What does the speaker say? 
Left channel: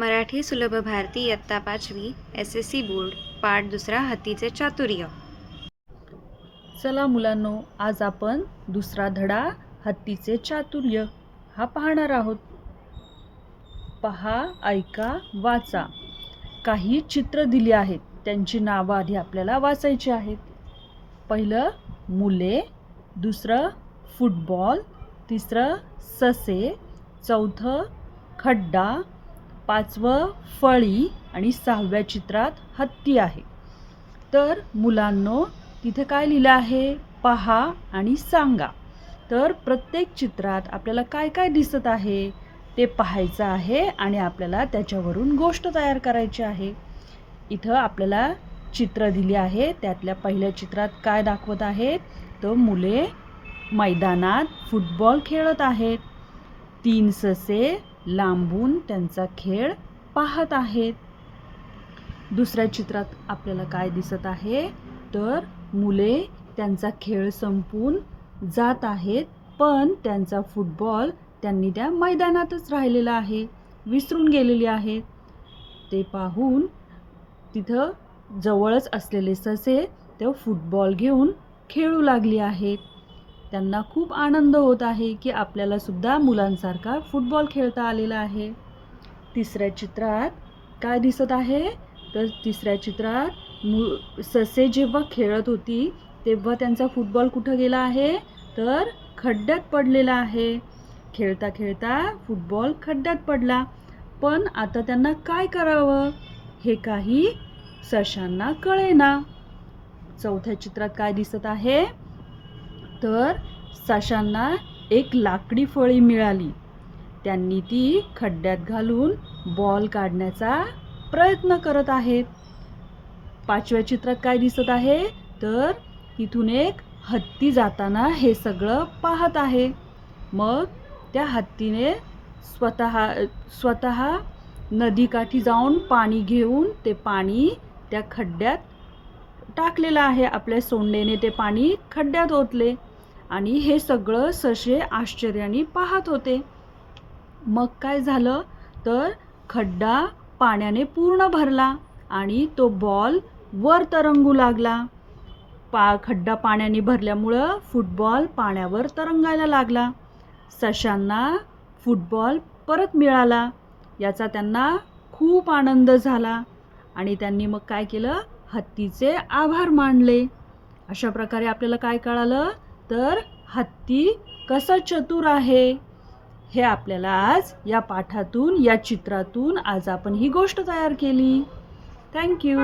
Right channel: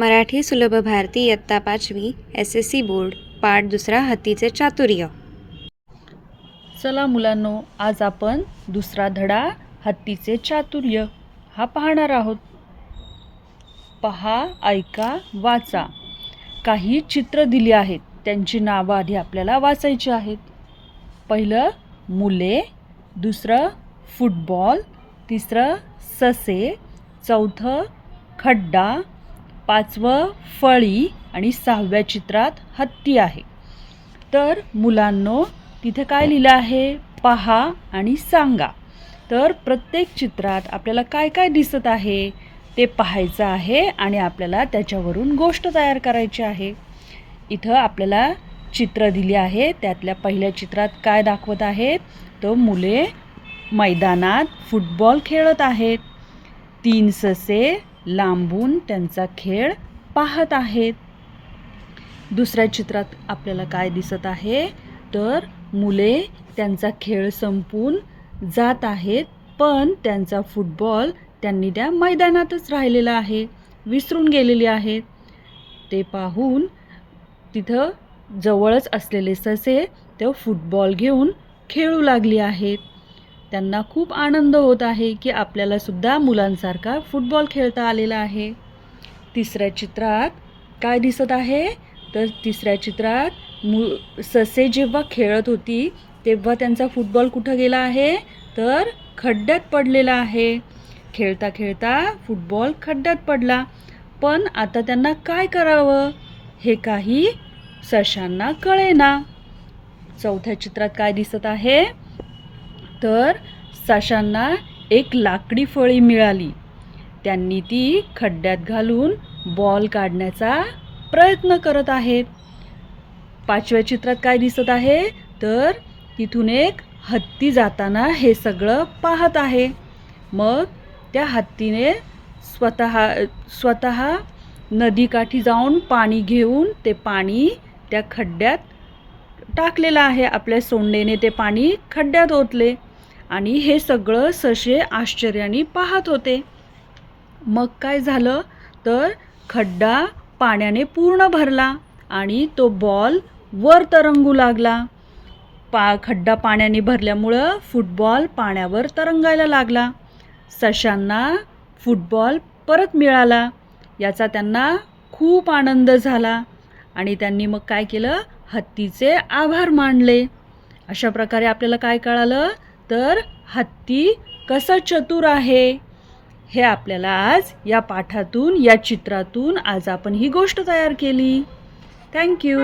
मराठी सुलभ भारती इयत्ता 5वी SSC board पाठ दुसरा हत्तीचे चातुर्य. चला मुलांनो, आज आपण दुसरा धडा हत्तीचे चातुर्य हा पाहणार आहोत. पहा, ऐका, वाचा. काही चित्र दिली आहेत, त्यांची नावं आधी आपल्याला वाचायची आहेत. पहिलं मुले, दुसरं फुटबॉल, तिसरं ससे, चौथं खड्डा, पाचवं फळी आणि सहाव्या चित्रात हत्ती आहे. तर मुलांनो, तिथे काय लिहिलं आहे पहा आणि सांगा. तर प्रत्येक चित्रात आपल्याला काय काय दिसत आहे ते पाहायचं आहे आणि आपल्याला त्याच्यावरून गोष्ट तयार करायची आहे. इथं आपल्याला चित्र दिली आहे. त्यातल्या पहिल्या चित्रात काय दाखवत आहेत तर मुले मैदानात फुटबॉल खेळत आहेत. 3 ससे लांबून त्यांचा खेळ पाहत आहेत. दुसऱ्या चित्रात आपल्याला काय दिसत आहे तर मुले त्यांचा खेळ संपून जात आहेत, पण त्यांचा फुटबॉल त्यांनी त्या मैदानातच राहिलेला आहे, विसरून गेलेले आहेत. ते पाहून तिथं जवळच असलेले ससे ते फुटबॉल घेऊन खेळू लागली आहेत. त्यांना खूप आनंद होत आहे की आपल्याला सुद्धा मुलांसारखा फुटबॉल खेळता आलेला आहे. तिसऱ्या चित्रात काय दिसत आहे तर तिसऱ्या चित्रात ससे जेव्हा खेळत होती तेव्हा त्यांचा फुटबॉल कुठं गेला आहे तर खड्ड्यात पडलेला आहे. खेळता खेळता फुटबॉल खड्ड्यात पडला, पण आता त्यांना काय करावं हे काही सशांना कळेना. चौथ्या चित्रात काय दिसत आहे तर सशांना एक लाकडी फळी मिळाली. त्यांनी ती खड्ड्यात घालून बॉल काढण्याचा प्रयत्न करत आहेत. पाचव्या चित्रात काय दिसत आहे तर तिथून एक हत्ती जाताना हे सगळं पाहत आहे. मग त्या हत्तीने स्वतः नदीकाठी जाऊन पाणी घेऊन ते पाणी त्या खड्ड्यात टाकलेलं आहे. आपल्या सोंडेने ते पाणी खड्ड्यात ओतले आणि हे सगळं ससे आश्चर्याने पाहत होते. मग काय झालं तर खड्डा पाण्याने पूर्ण भरला आणि तो बॉल वर तरंगू लागला. खड्डा पाण्याने भरल्यामुळं फुटबॉल पाण्यावर तरंगायला लागला. सशांना फुटबॉल परत मिळाला, याचा त्यांना खूप आनंद झाला आणि त्यांनी मग काय केलं, हत्तीचे आभार मानले. अशा प्रकारे आपल्याला काय कळालं तर हत्ती कसा चतुर आहे हे आपल्याला आज या पाठातून, या चित्रातून आज आपण ही गोष्ट तयार केली. थँक्यू.